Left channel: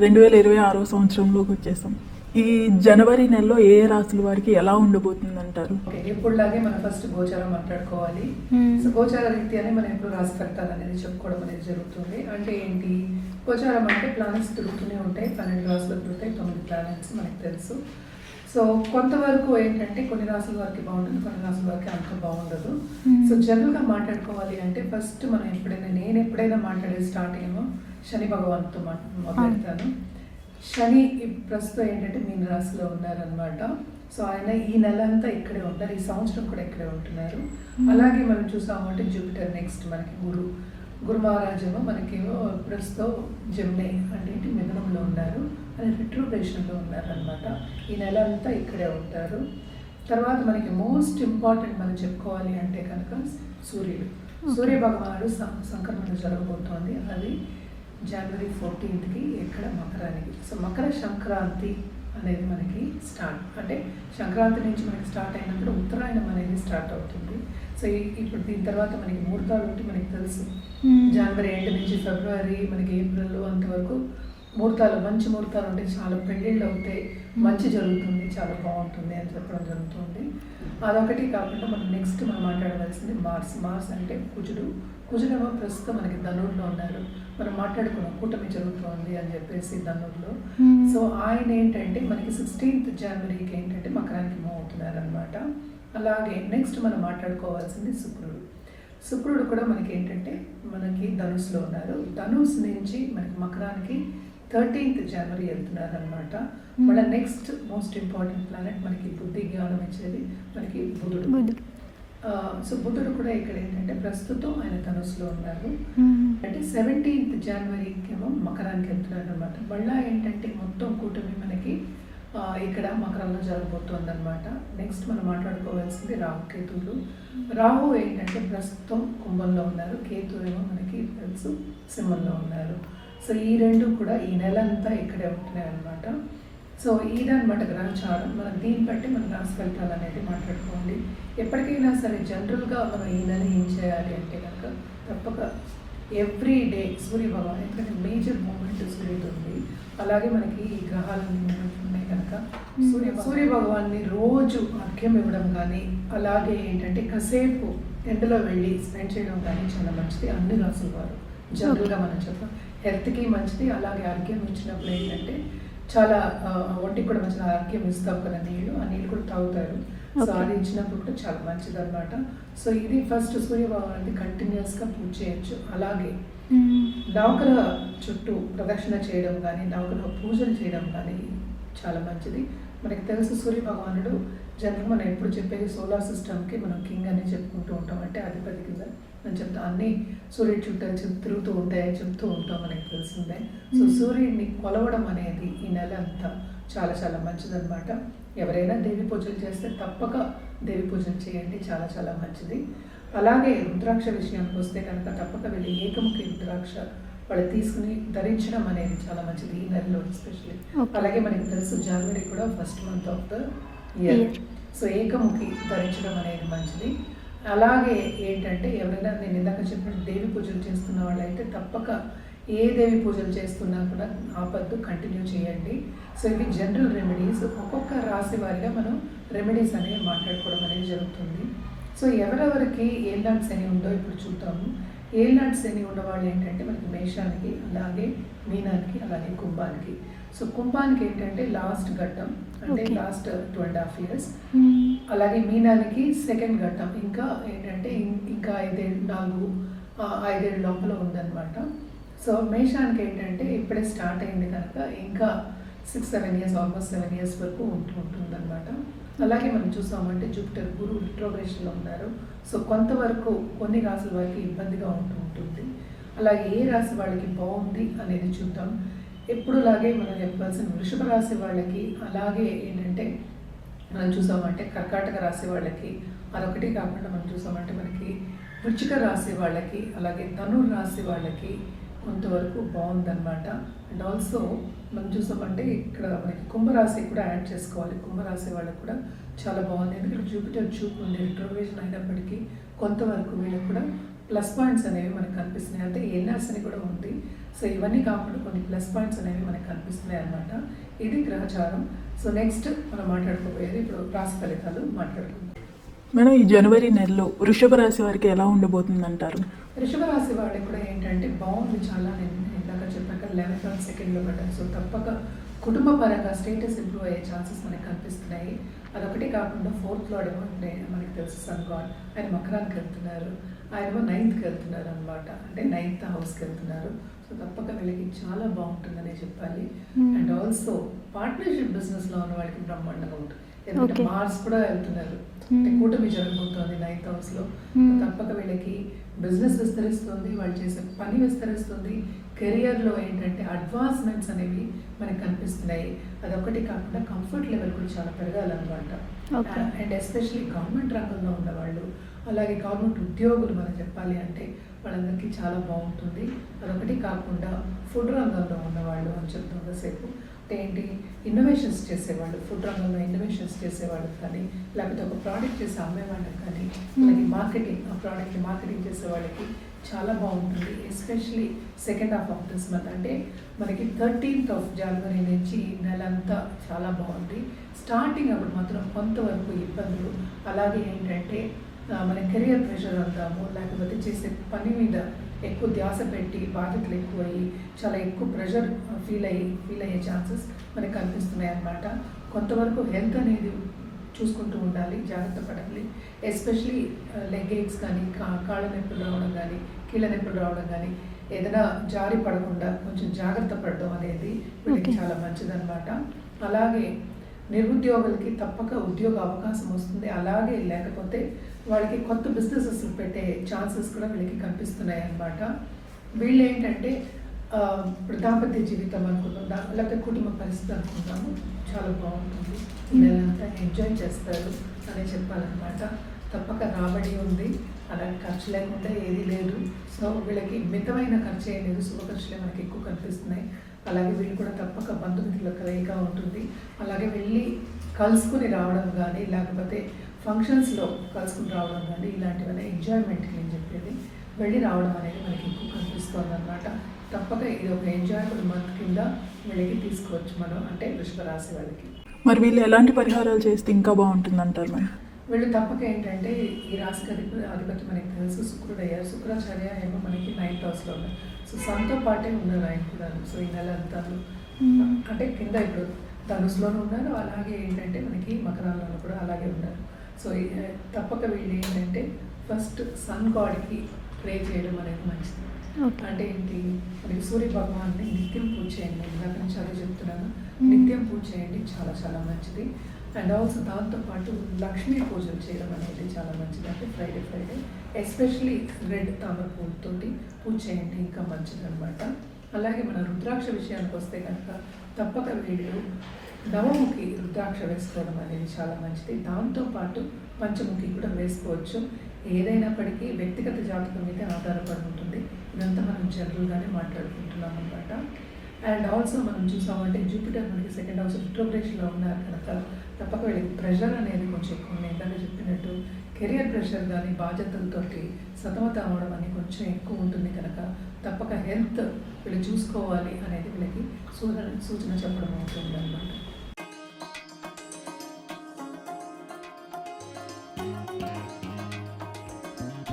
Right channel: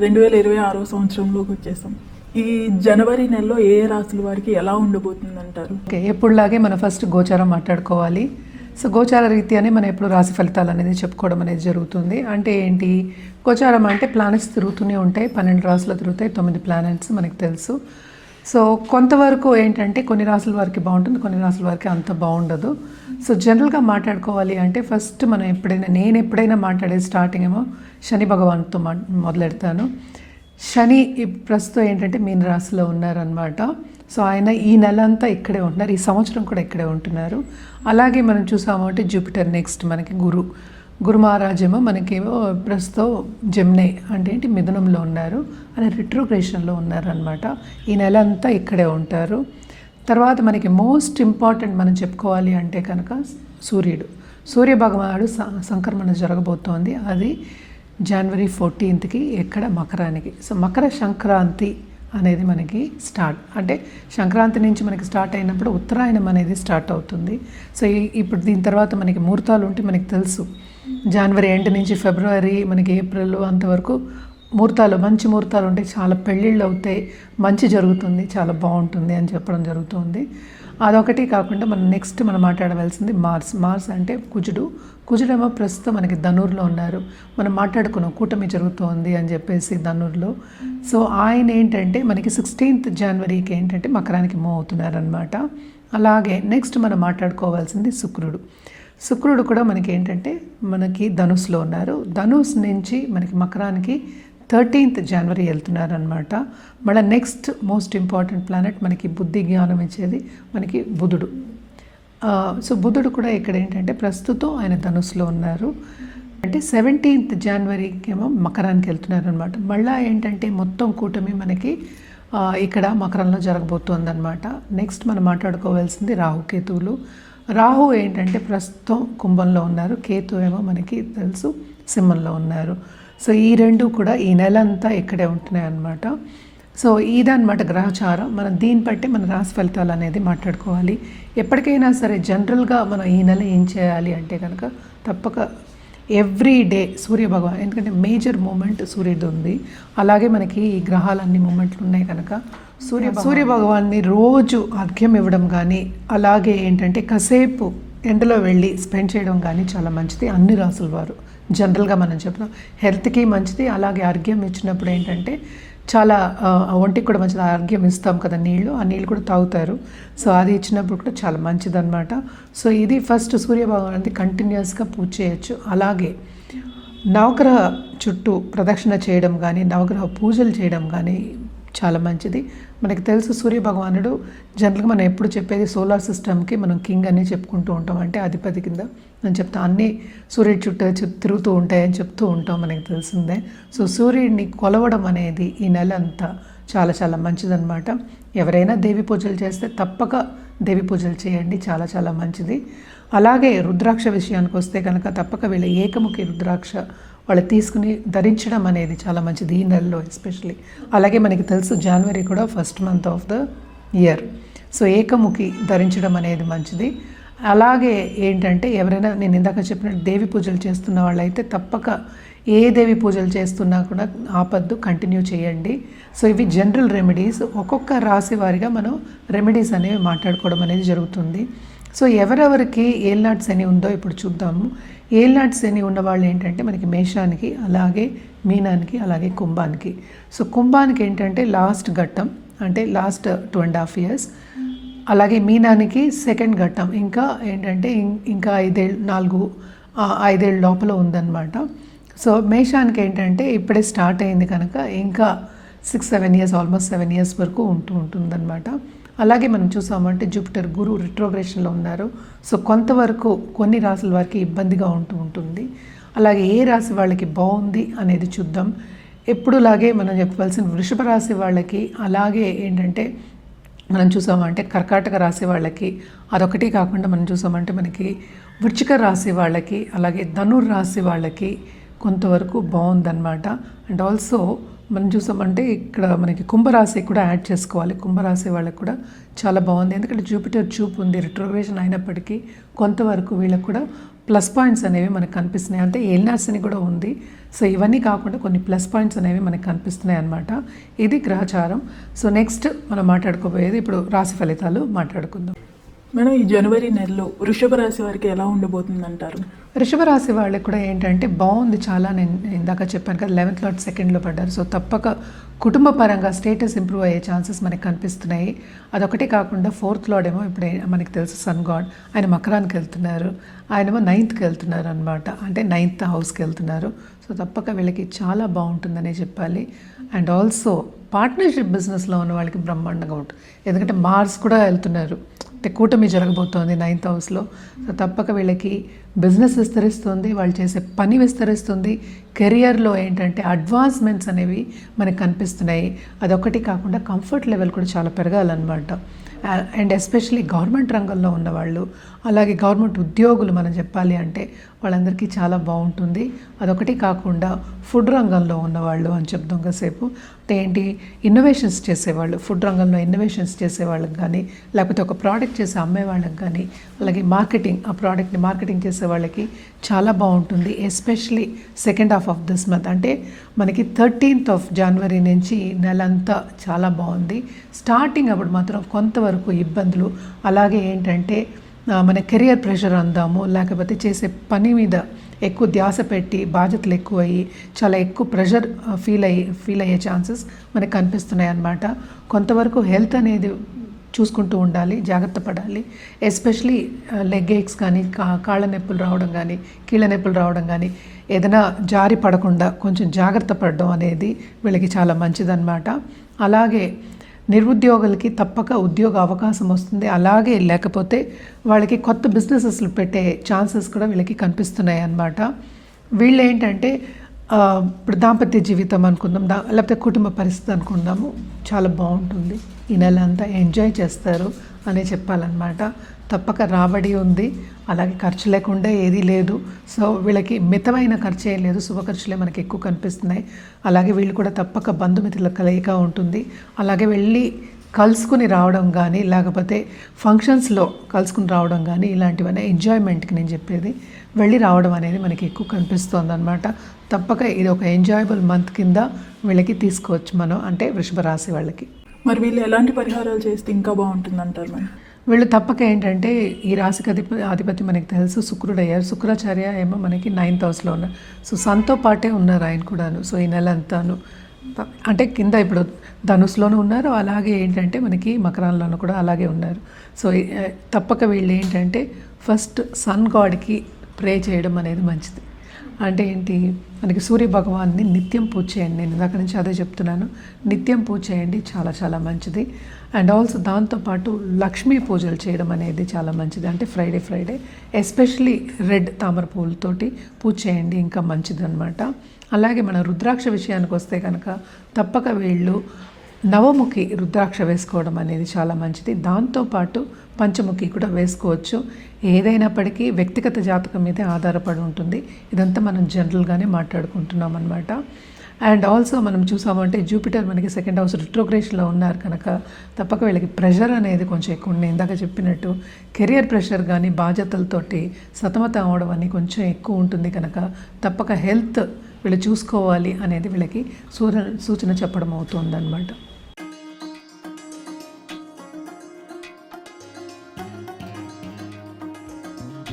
2026 సంవత్సరంలోకి వచ్చేసాం. ఈ జనవరి నెలలో ఏ రాశుల వారికి ఎలా ఉండబోతుంది అంటారు? ఓకే, ఎప్పుడులాగే మనం ఫస్ట్ గోచారం మాట్లాడుకోవాలి. సో గోచార రీత్యానే మనం ఎప్పుడు రాశి ఫలితాలు అనేది చెప్పుకోవడం అనేది జరుగుతుంది. అంటే ఏంటి, గోచారం అంటే ప్లానెట్స్ తిరుగుతూనే ఉంటాయి. 12 రాశులు తిరుగుతాయి, 9 ప్లానెట్స్ మనకు తెలుసు. సో కొంతవరకు ఏంటంటే కొన్ని రాసుల వారికి బాగుంటుంది, కొన్ని రాసుల వారికి అంత బాగుండదు. సో జనరల్గా మాట్లాడుకోవాలి అంటే ఫస్ట్ మనం నేను ఎప్పుడైనా మాట్లాడే స్టార్టింగ్ ఏమో శని భగవాన్తో మొదలెడతాను. శని ప్రస్తుతం ఏంటంటే మీన రాశిలో ఉన్నారనమాట. సో ఆయన ఈ నెల అంతా ఇక్కడే ఉంటున్నారు, ఈ సంవత్సరం కూడా ఇక్కడే ఉంటున్నారు. అలాగే మనం చూసాము అంటే జూపిటర్, నెక్స్ట్ మనకి గురు మహారాజేమో మనకేమో ప్రస్తుతం జెమిని అంటే ఏంటి మిథునంలో ఉన్నారు, ఆయన రిట్రోగ్రేషన్లో ఉన్నారనమాట. ఈ నెల అంతా ఇక్కడే ఉంటారు. తర్వాత మనకి మోస్ట్ ఇంపార్టెంట్ మనం చెప్పుకోవాలి అంటే కనుక సూర్య భగవానుడు సంక్రమణ జరగబోతోంది. అది జనవరి 14కి ఎక్కడ మకరానికి. సో మకర సంక్రాంతి అనేది మనకి స్టార్ట్, అంటే సంక్రాంతి నుంచి మనకి స్టార్ట్ అయినప్పుడు ఉత్తరాయణం అనేది స్టార్ట్ అవుతుంది. సో ఇప్పుడు దీని తర్వాత మనకి ముహూర్తాలు ఉంటే మనకి తెలుసు, జనవరి ఎండ్ నుంచి ఫిబ్రవరి మనకి ఏప్రిల్ అంతవరకు మంచి ముహూర్తాలు ఉంటాయి, చాలా పెళ్ళిళ్ళు అవుతాయి, మంచి జరుగుతుంది, చాలా బాగుంటుంది అని చెప్పడం జరుగుతుంది. అదొకటి కాకుండా మనం నెక్స్ట్ మనం మాట్లాడవలసింది మార్స్ అంటే కుజుడేమో ప్రస్తుతం మనకి ధనుర్లో ఉన్నారు. మనం మాట్లాడుకున్నాం కూటమి జరుగుతోంది అని చెప్పేసి ధనుర్లో. సో ఆయన ఏంటంటే మనకి 16th జనవరికి ఏంటంటే మకరానికి మూవ్ అవుతున్నారనమాట. అలాగే నెక్స్ట్ మనం మాట్లాడుకోవాల్సింది శుక్రుడు కూడా మనకి ఏంటంటే మనకి ధనుస్లో ఉన్నారు. ధనుస్ నుంచి మనకి మకరానికి 13th జనవరి వెళ్తున్నారనమాట. మళ్ళీ నెక్స్ట్ మోస్ట్ ఇంపార్టెంట్ ప్లానెట్ మనకి బుద్ధి జ్ఞానం ఇచ్చేది మనకి బుధుడు. సో బుధుడు కూడా ఇక్కడ ఏంటంటే ప్రస్తుతం ఆయన ధనుస్లో ఉన్నారు. అంటే 17th జనవరికి ఏమో మకరానికి వెళ్తున్నారు అనమాట. మళ్ళీ ఏంటంటే మొత్తం కూటమి మనకి ఇక్కడ మకరంలో జరగబోతుంది అనమాట. నెక్స్ట్ మనం మాట్లాడుకోవాల్సింది రాహుకేతువులు. రాహు ఏంటంటే ప్రస్తుతం కుంభంలో ఉన్నారు, కేతు ఏమో మనకి తెలుసు సింహంలో ఉన్నారు. సో ఈ రెండు కూడా ఈ నెల అంతా ఇక్కడే ఉంటున్నాయి అన్నమాట. సో ఇదన్నమాట గ్రహచారం. మనం దీన్ని బట్టి మన రాశి ఫలితాలు అనేది మాట్లాడుకోవాలి. ఎప్పటికైనా సరే జనరల్గా మనం ఈ నెల ఏం చేయాలి అంటే కనుక తప్పక ఎవ్రీ డే సూర్యభగవాన్, ఎందుకంటే మేజర్ మూమెంట్ సూర్యుడు ఉంది. అలాగే మనకి ఈ గ్రహాలన్నీ మూమెంట్లు ఉన్నాయి కనుక సూర్యభగవాన్ని రోజు అర్ఘ్యం ఇవ్వడం కానీ, అలాగే ఏంటంటే కాసేపు ఎండలో వెళ్ళి స్పెండ్ చేయడం కానీ చాలా మంచిది. అన్ని రాసుల వారు జనరల్గా మనం చెప్తాం హెల్త్కి మంచిది. అలాగే అర్ఘ్యం ఇచ్చినప్పుడు ఏంటంటే చాలా ఒంటికి కూడా మంచిది. అర్ఘ్యం ఇస్తాం కదా, ఆ నీళ్ళు కూడా తాగుతారు. సో అది ఇచ్చినప్పుడు కూడా చాలా మంచిదన్నమాట. సో ఇది ఫస్ట్ సూర్యభగవానికి కంటిన్యూస్గా పూజ చేయొచ్చు. అలాగే నవగ్రహ చుట్టూ ప్రదక్షిణ చేయడం కానీ, నవగ్రహ పూజలు చేయడం కానీ చాలా మంచిది. మనకి తెలుసు సూర్యభగవానుడు జనరల్గా మనం ఎప్పుడు చెప్పేది సోలార్ సిస్టమ్కి మనం కింగ్ అని చెప్పుకుంటూ ఉంటాం, అంటే అధిపతి కింద నేను చెప్తాను. అన్నీ సూర్యుడి చుట్టూ తిరుగుతూ ఉంటాయని చెప్తూ ఉంటాం, మనకి తెలిసిందే. సో సూర్యుడిని కొలవడం అనేది ఈ నెల అంతా చాలా చాలా మంచిదన్నమాట. ఎవరైనా దేవి పూజలు చేస్తే తప్పక దేవి పూజలు చేయండి, చాలా చాలా మంచిది. అలాగే రుద్రాక్ష విషయానికి వస్తే కనుక తప్పక వీళ్ళ ఏకముఖి రుద్రాక్ష వాళ్ళు తీసుకుని ధరించడం అనేది చాలా మంచిది ఈ నెలలో ఎస్పెషలీ. అలాగే మనకి తెలుసు జనవరి కూడా first month of the year. So ఏకముఖి ధరించడం అనేది మంచిది. అలాగే ఏంటంటే ఎవరైనా నేను ఇందాక చెప్పినట్టు దేవి పూజలు చేస్తున్న వాళ్ళైతే తప్పక ఏ దేవి పూజలు చేస్తున్నా కూడా ఆపద్దు, కంటిన్యూ చేయండి. సో ఇవి జనరల్ రెమెడీస్. ఒక్కొక్క రాశి వారిగా మనం రెమెడీస్ అనేవి మాట్లాడుకోవడం అనేది జరుగుతుంది. సో ఎవరెవరికి ఏల్నాటి శని ఉందో ఇప్పుడు చూద్దాము. ఏల్నాటి శని ఉన్న వాళ్ళు ఏంటంటే మనకి మేషానికి, అలాగే మీనానికి, అలాగే కుంభానికి. సో కుంభానికి ఏంటంటే లాస్ట్ ఘట్టం, అంటే లాస్ట్ 2.5 years. అలాగే మీనానికి సెకండ్ ఘట్టం, ఇంకా ఏంటంటే ఇంకా 5 ఏళ్ళ లోపల ఉందన్నమాట. సో మేషానికి ఏంటంటే ఇప్పుడే స్టార్ట్ అయింది కనుక ఇంకా 6-7 years, ఆల్మోస్ట్ 7 years వరకు ఉంటుందన్నమాట. అలాగే మనం చూసామంటే జూపిటర్ గురు రిట్రోగ్రేషన్లో ఉన్నారు. సో కొంతవరకు కొన్ని రాశుల వారికి ఇబ్బందిగా ఉంటుంది. అలాగే ఏ రాశి వాళ్ళకి బాగుంది అనేది చూద్దాం. ఎప్పుడులాగే మనం చెప్పవలసిన వృషభ రాశి వాళ్ళకి, అలాగే ఏంటంటే మనం చూసామంటే కర్కాటక రాశి వాళ్ళకి, అదొకటి కాకుండా మనం చూసామంటే మనకి వృశ్చిక రాశి వాళ్ళకి, అలాగే ధనుర్ రాశి వాళ్ళకి కొంతవరకు బాగుందన్నమాట. అండ్ ఆల్సో మనం చూసామంటే ఇక్కడ మనకి కుంభరాశి కూడా యాడ్ చేసుకోవాలి. కుంభరాశి వాళ్ళకి కూడా చాలా బాగుంది, ఎందుకంటే జూపిటర్ చూపు ఉంది, రిట్రోగ్రేషన్ అయినప్పటికీ కొంతవరకు వీళ్ళకి కూడా ప్లస్ పాయింట్స్ అనేవి మనకు కనిపిస్తున్నాయి. అంటే ఏలినాశని కూడా ఉంది. సో ఇవన్నీ కాకుండా కొన్ని ప్లస్ పాయింట్స్ అనేవి మనకు కనిపిస్తున్నాయి అన్నమాట. ఇది గ్రహచారం. సో నెక్స్ట్ మనం మాట్లాడుకోబోయేది ఇప్పుడు రాశి ఫలితాలు మాట్లాడుకుందాం. మేడం, ఈ జనవరి నెలలో వృషభ రాశి వారికి ఎలా ఉండబోతుంది అంటారు? వృషభ రాశి వాళ్ళకి కూడా ఏంటంటే బాగుంది చాలా. నేను ఇందాక చెప్పాను కదా 11th లాట్ సెకండ్లో పడ్డారు. సో తప్పక కుటుంబ పరంగా స్టేటస్ ఇంప్రూవ్ అయ్యే ఛాన్సెస్ మనకి కనిపిస్తున్నాయి. అదొకటే కాకుండా 4th లార్డ్ ఏమో ఇప్పుడు మనకి తెలుసు సన్ గాడ్, ఆయన మకరానికి వెళ్తున్నారు. ఆయనేమో 9th వెళ్తున్నారు అనమాట. అంటే 9th హౌస్కి వెళ్తున్నారు. సో తప్పక వీళ్ళకి చాలా బాగుంటుందనే చెప్పాలి. అండ్ ఆల్సో పార్ట్నర్షిప్ బిజినెస్లో ఉన్న వాళ్ళకి బ్రహ్మాండంగా ఉంటుంది. ఎందుకంటే మార్స్ కూడా వెళ్తున్నారు. అంటే కూటమి జరగబోతోంది 9th హౌస్లో. సో తప్పక వీళ్ళకి బిజినెస్ విస్తరిస్తుంది, వాళ్ళు చేసే పని విస్తరిస్తుంది. కెరియర్లో ఏంటంటే అడ్వాన్స్మెంట్స్ అనేవి మనకు కనిపిస్తున్నాయి. అదొకటి కాకుండా కంఫర్ట్ లెవెల్ కూడా చాలా పెరగాలన్నమాట. అండ్ ఎస్పెషలీ గవర్నమెంట్ రంగంలో ఉన్నవాళ్ళు, అలాగే గవర్నమెంట్ ఉద్యోగులు మనం చెప్పాలి అంటే వాళ్ళందరికీ చాలా బాగుంటుంది. అదొకటి కాకుండా ఫుడ్ రంగంలో ఉన్నవాళ్ళు అని చెప్తాం కాసేపు. ఏంటి ఇన్నోవేషన్స్ చేసేవాళ్ళు, ఫుడ్ రంగంలో ఇన్నోవేషన్స్ చేసేవాళ్ళకి కానీ, లేకపోతే ఒక ప్రోడక్ట్ చేసి అమ్మే వాళ్ళకి కానీ, అలాగే మార్కెటింగ్, ఆ ప్రోడక్ట్ని మార్కెటింగ్ చేసే వాళ్ళకి చాలా బాగుంటుంది. Especially second half of this month, అంటే మనకి 13th ఆఫ్ జనవరి నుంచి నెలంతా చాలా బాగుంది. స్టార్టింగ్ అప్పుడు మాత్రం కొంతవరకు ఇబ్బందులు, అలాగే ఏంటంటే మన కెరియర్ ప్రెషర్ అందాము, లేకపోతే చేసే పని మీద ఎక్కువ ధ్యాస పెట్టి బాధ్యతలు ఎక్కువ అయ్యి చాలా ఎక్కువ ప్రెషర్ ఫీల్ అయ్యే ఛాన్సెస్ మనకు కనిపిస్తున్నాయి అన్నమాట. కొంతవరకు హెల్త్ అనేది చూసుకుంటూ ఉండాలి, జాగ్రత్త పడాలి. ఎస్పెషలీ లెగ్ ఏక్స్ కానీ, కాళ్ళ నొప్పులు రావడం కానీ, కీళ్ళ నొప్పులు రావడం కానీ, ఏదైనా జారి పడకుండా కొంచెం జాగ్రత్త పడడం అనేది వీళ్ళకి చాలా మంచిదన్నమాట. అలాగే నిరుద్యోగులకి తప్పక ఉద్యోగ అవకాశం వస్తుంది. అలాగే లేకపోతే వాళ్ళకి కొత్త బిజినెసెస్లు పెట్టే ఛాన్సెస్ కూడా వీళ్ళకి కనిపిస్తున్నాయి అన్నమాట. వీళ్ళు ఏంటంటే ఇప్పుడు దాంపత్య జీవితం అనుకుందాం, లేకపోతే కుటుంబ పరిస్థితి అనుకుందాము, చాలా బాగుంటుంది. ఈ నెల అంతా ఎంజాయ్ చేస్తారు అనే చెప్పాలన్నమాట. తప్పక రాబడి ఉంది, అలాగే ఖర్చు లేకుండా ఏదీ లేదు. సో వీళ్ళకి మితమైన ఖర్చు ఏం లేదు, శుభ ఖర్చులే మనకి ఎక్కువ కనిపిస్తున్నాయి. అలాగే వీళ్ళు కూడా తప్పక బంధుమిత్రుల కలయిక ఉంటుంది. అలాగే వెళ్ళి కలుసుకుని రావడం కానీ, లేకపోతే ఫంక్షన్స్లో కలుసుకుని రావడం కానీ, ఇలాంటివన్నీ ఎంజాయ్మెంట్కి నేను చెప్పేది, వెళ్ళి రావడం అనేది మనకి ఎక్కువ కనిపిస్తుంది అనమాట. తప్పక ఇది ఒక ఎంజాయబుల్ మంత్ కింద వీళ్ళకి తీసుకోవచ్చు మనం, అంటే వృషభ రాశి వాళ్ళకి. మరి వీళ్ళు ఎలాంటి పరిహారాలు చేస్తే ఇంకా బాగుంటుంది అంటారు మేడం? వీళ్ళు తప్పక ఏంటంటే ఈ రాశికి అధిపతి మనకి తెలుసు శుక్రుడు అయ్యారు. శుక్రాచార్య ఏమో మనకి 9th హౌస్లో ఉన్నారు. సో సన్తో పాటే ఉన్నారు ఆయన కూడాను. సో ఈ నెల అంతాను అంటే కింద ఇప్పుడు ధనుస్లోనూ ఉన్నారు, అలాగే ఏంటంటే మనకి మకరంలోనూ కూడా అలాగే ఉన్నారు. సో తప్పక వీళ్ళు ఏంటంటే ఫస్ట్ సన్ గాడ్కి ప్రే చేయడం అనేది మంచిది. అంటే ఏంటి, మనకి సూర్య భగవాన్ని నిత్యం పూజ చేయండి. నేను ఇందాక నుంచి అదే చెప్తున్నాను, నిత్యం పూజ చేయండి, చాలా చాలా మంచిది. అండ్ ఆల్సో దాంతోపాటు లక్ష్మీ పూజలు చేయడం అనేది చాలా మంచిది. అంటే ఫ్రైడే ఎస్పెషలీ రెడ్ తామర పూలతోటి పూజ చేయండి, ఇంకా మంచిది అనమాట. అలాగే మన రుద్రాక్ష విషయానికి వస్తే కనుక తప్పక వీళ్ళు నవముఖి రుద్రాక్ష వేసుకోవడం అనేది చాలా మంచిది. దాంతోపాటు పంచముఖి కూడా వేసుకోవచ్చు. ఏదైనప్పటికీ వ్యక్తిగత జాతకం మీదే ఆధారపడి ఉంటుంది. ఇదంతా మనం జనరల్గానే మాట్లాడుకుంటున్నాం అనమాట. అండ్ ఆల్సో మనం చూసామంటే జూపిటర్ మనకి 2nd హౌస్ రిట్రోగ్రేషన్లో ఉన్నారు కనుక తప్పక వీళ్ళకి ప్రెషర్ అనేది కొంచెం ఎక్కువ ఉంది. ఇందాక చెప్పినట్టు కెరియర్ ప్రెషర్ కానీ, బాధ్యతలతోటి సతమతం అవడం అని కొంచెం ఎక్కువ ఉంటుంది కనుక తప్పక హెల్త్ వీళ్ళు చూసుకోవాలి అనేది వీళ్ళకి సూచన చెప్పడం అవుతుంది అనమాట.